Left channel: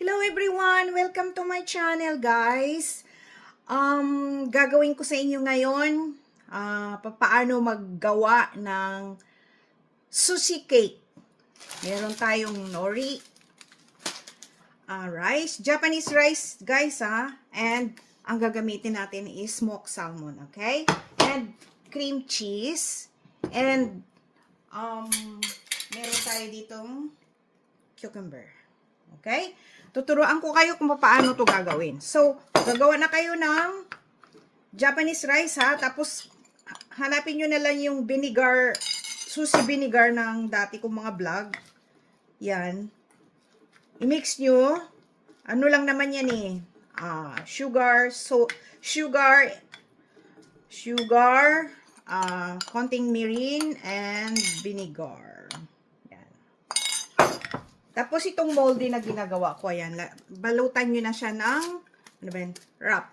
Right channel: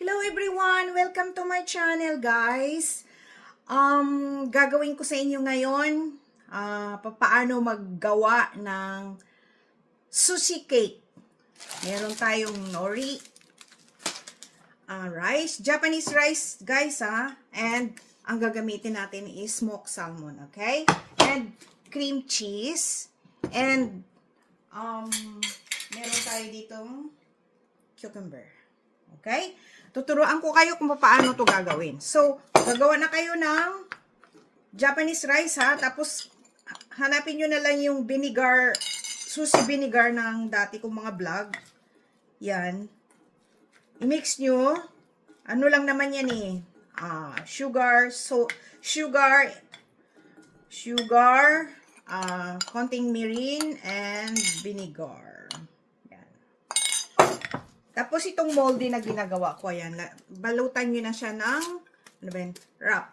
Hello everyone! Welcome to my channel, guys. Gagawin ko sa inyo ngayon paano maggawa ng sushi cake. Meron tayong nori, rice, Japanese rice, guys, and ang gagamitin natin is smoked salmon, okay? And cream cheese, and meron tayo ditong cucumber, okay? Tuturuan ko kayo kung paano to gagawin. So, gagawa na kayo ng Japanese rice, tapos hanapin nyo na lang yung vinegar, sushi vinegar ng dati kong mga vlog. Yan. I-mix nyo. Ano lang naman yan sugar, konting mirin, and vinegar. Tapos itong moldy na ginagawa ko, ayan, balutan nyo na siya ng wrap.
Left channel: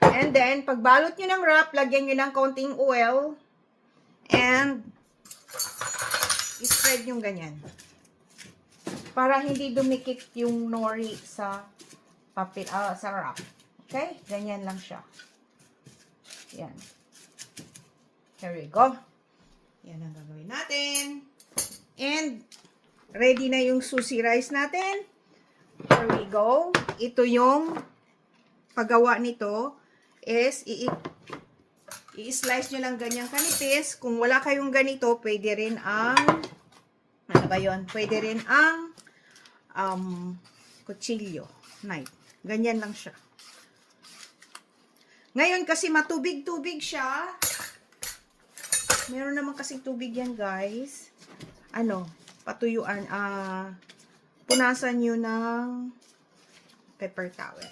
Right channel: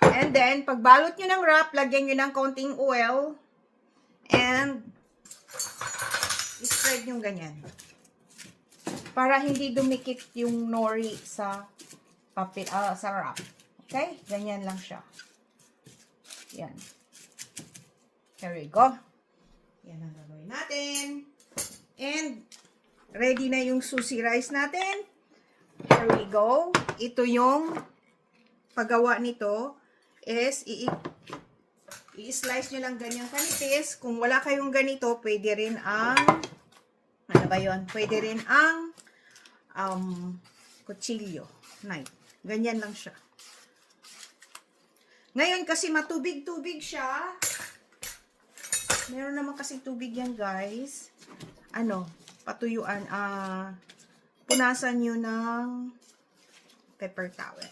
And then, pag balot nyo ng wrap, lagyan nyo ng konting oil, and spread nyo ganyan. Para hindi dumikit yung nori sa papel, sa wrap. Okay? Ganyan lang siya. Yan. Here we go. Yan ang gagawin natin. And ready na yung sushi rice natin. Here we go. Ito yung paggawa nito is i-slice nyo lang ganyan kanipis. Kung wala kayong ganito, pwede rin ang ano ba yun? Pwede rin ang kutsilyo. Knife. Ganyan lang siya. Ngayon kasi matubig-tubig siya. Meron naman kasi tubig yan, guys. Patuyuan, punasan nyo ng paper towel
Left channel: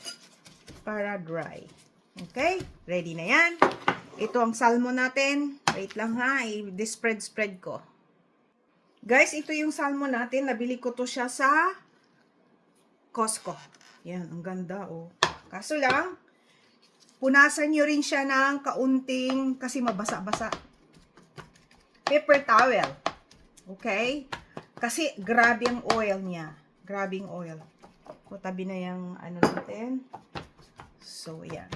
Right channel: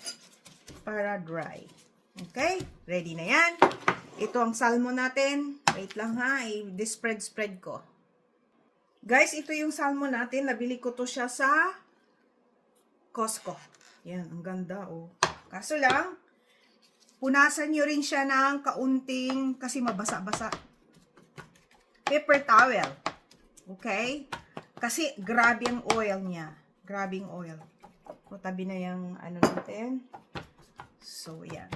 para dry. Okay? Ready na yan. Ito ang salmon natin. Wait lang i-spread ko. Guys, ito yung salmon natin. Nabili ko to siya sa Costco. Yan, ang ganda, Kaso lang, punasan nyo rin siya ng kaunting, kasi mabasa-basa, paper towel. Okay? Kasi grabe ang oil niya. Grabe ang oil. Tabi na yung natin. So, yan.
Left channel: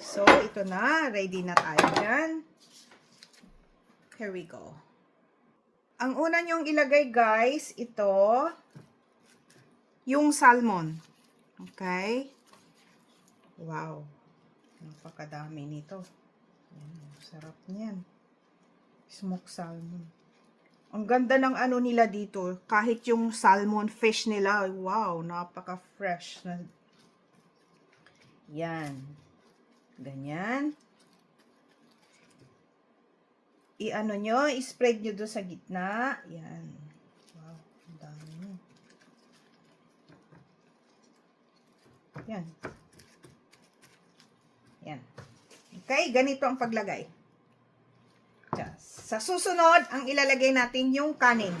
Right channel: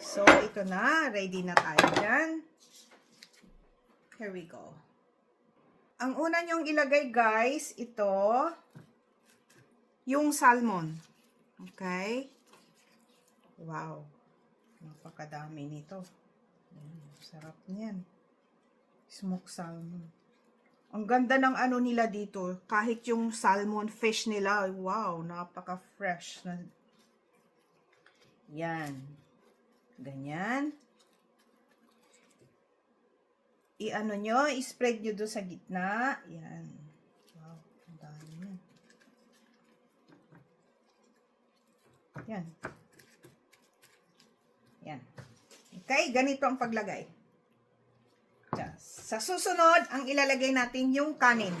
So, ito na. Ready na tayo dyan. Here we go. Ang una nyong ilagay, guys, ito, yung salmon. Okay? Wow. Napakadami nito. Sarap niyan. Smoked salmon. Ang ganda ng nila dito. Kahit yung salmon fish nila, wow, napaka-fresh. Yan. Ganyan. Nyo, i-spread nyo doon sa gitna. Yan. Wow, ang dami nyo. Yan. Yan. Okay, ganito ang paglagay. Sa susunod, ang ilalagay natin yung kanin.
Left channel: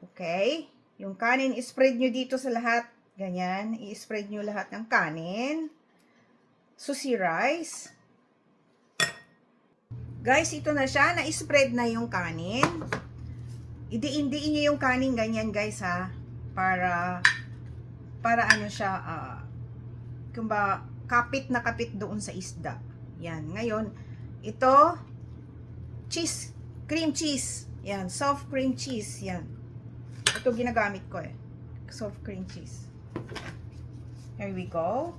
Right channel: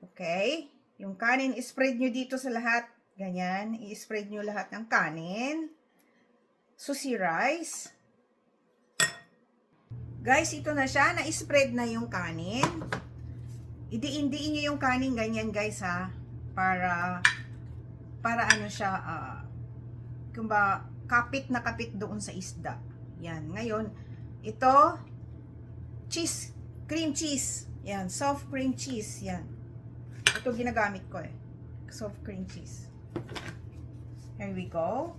Okay? Yung kanin, i-spread nyo dito sa lahat. Ganyan. I-spread nyo lahat ng kanin. Sushi rice. Guys, ito na siya. Na-spread na yung kanin. Idiin-diin nyo yung kanin. Ganyan, guys, Para siya, kapit na kapit doon sa isda. Yan. Ngayon, ito, cheese, cream cheese. Yan, soft cream cheese. Yan. Ito ginagamit ko soft cream cheese. Here we go.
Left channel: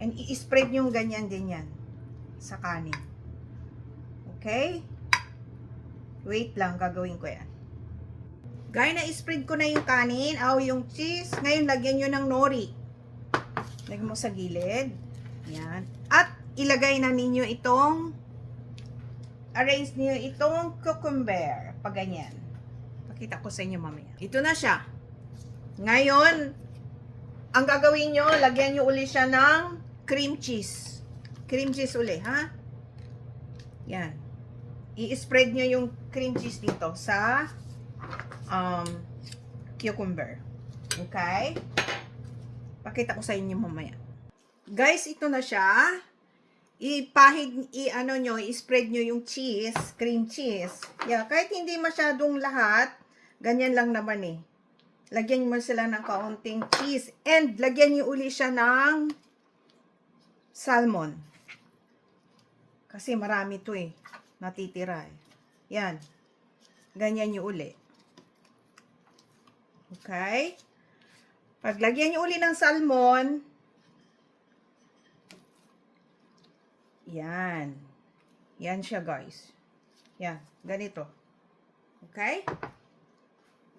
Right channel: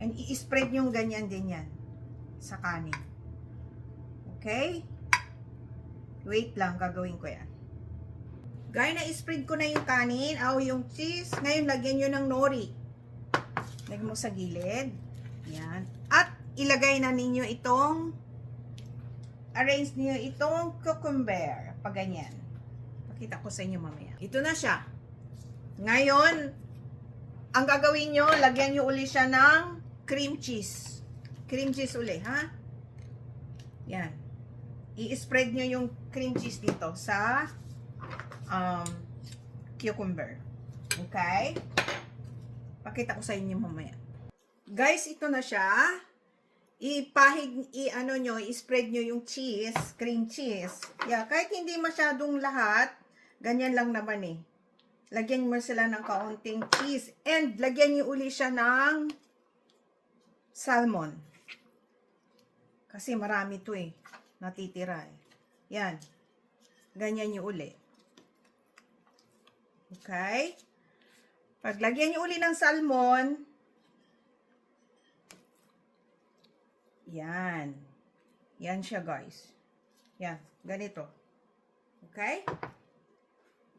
And i-spread yung ganyan din yan sa kanin. Okay? Wait lang, gagawin ko yan. Guys, na-spread ko na yung kanin, yung cheese. Ngayon, lagyan nyo ng nori. Lagyan mo sa gilid. Yan. At ilagay na ninyo arrange niyo itong cucumber. Pag ganyan. Pakita ko sa inyo mamaya. Ito na siya. Ngayon, ang gagawin nyo, lagyan nyo uli siya ng cream cheese. Cream cheese uli, Yan. I-spread nyo yung cream cheese dito sa cucumber. Okay? Pakita ko sa inyo mamaya. Guys, ito na siya. I-spread nyo yung cheese, cream cheese. Yeah, kahit hindi masyadong lahat, ganyan lang naman lagyan mo sila ng kaunting cheese. And lagyan nyo uli siya ng salmon. Kasi marami to eh. Natitira eh. Yan. Ganyan nyo uli. Okay? Paglagyan nyo uli ng salmon, yan. Yan siya, guys. Yan. Ganito. Okay?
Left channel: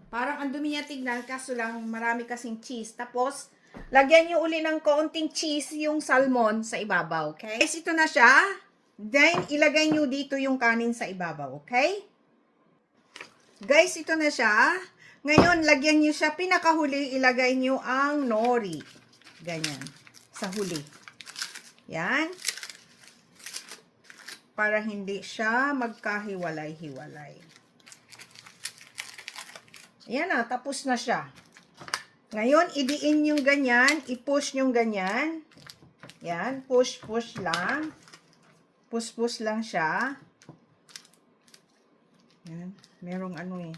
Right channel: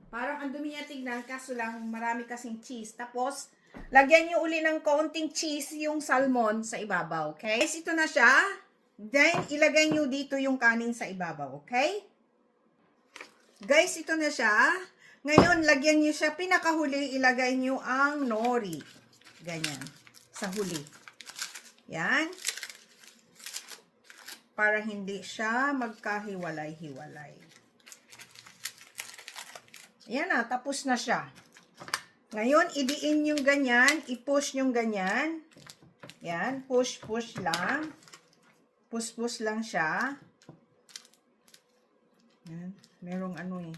Parang ang dumi niya tignan, kaso lang marami kasing cheese. Tapos, lagyan nyo uli ng kaunting cheese yung salmon sa ibabaw. Okay? Guys, ito na siya. Then, ilagay nyo dito yung kanin sa ibabaw. Okay? Guys, ito na siya. Ngayon, lagyan nyo siya, pinakahuli, ilagay nyo ang nori. Ganyan. Sa huli. Yan. Para hindi siya magkahiwalay-hiwalay. Yan na, tapos na siya. Ngayon, idiin yung ganyan, i-push yung ganyan. Yan, push lang. Push lang siya. Yan, merong ano eh.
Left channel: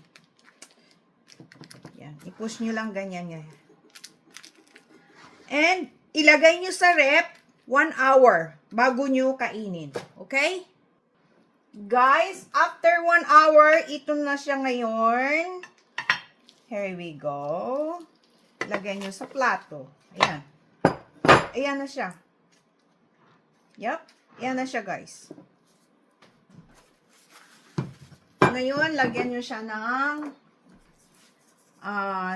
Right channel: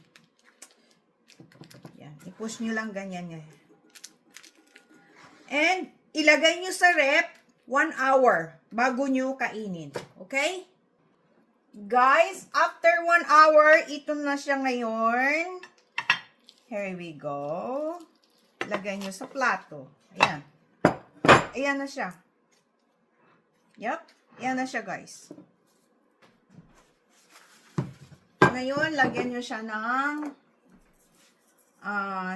Yan, i-push nyo lang ganyan yan. And, ilagay nyo sa rep 1 hour bago nyo kainin. Okay? Guys, after 1 hour, ito na siya ngayon. Here we go. Lagay nyo sa plato. Ayan. Ayan na siya. Yup. Ayan na siya, guys. Ngayon, lagyan nyo siya ng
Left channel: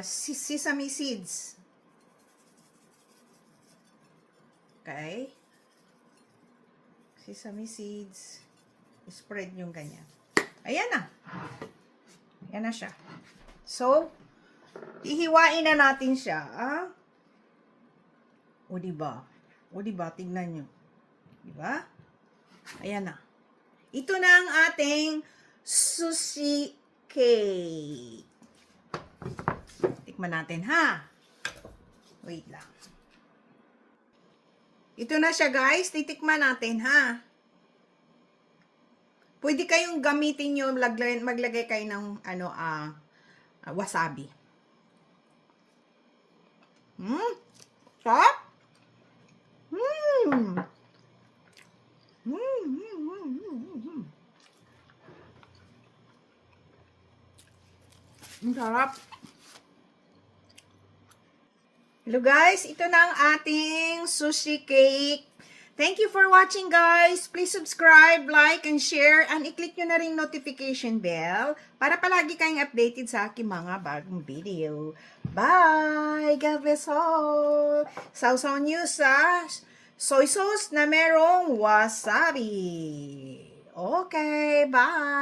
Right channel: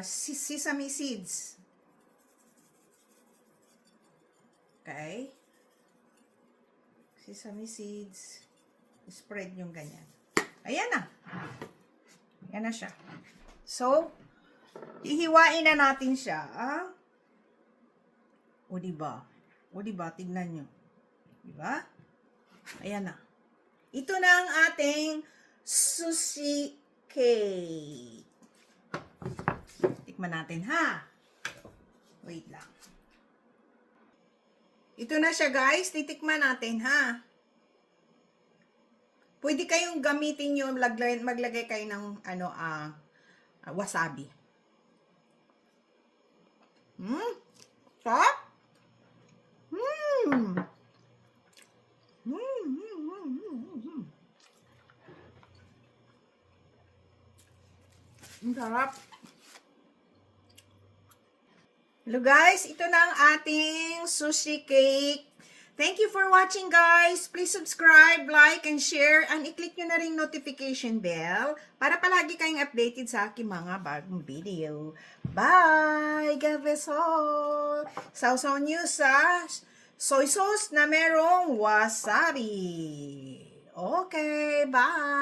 sesame seeds. Okay? Sesame seeds. Spread yung ganyan. Ayan na. Ayan na siya. So, ihiwain na natin siya. O, diba? O, diba? Tignan nyo. Diba? Ayan na. Ito na ang ating sushi cake. Tikman natin, ha? Wait lang. Ito na siya, guys. Titikman natin, ha? Pwede kayong gamitin nyo, maglagay kayo ng, wasabi. Sarap? Ang sarap. Hello guys, ito na ang ating sushi cake. Thank you for watching guys. Please subscribe, like, and share. And i-click nyo na rin notification bell para palagi kayong updated sa aking mga bagong video. Bye! God bless all! Sausaw nyo sa soy sauce na merong wasabi. Okay, bye!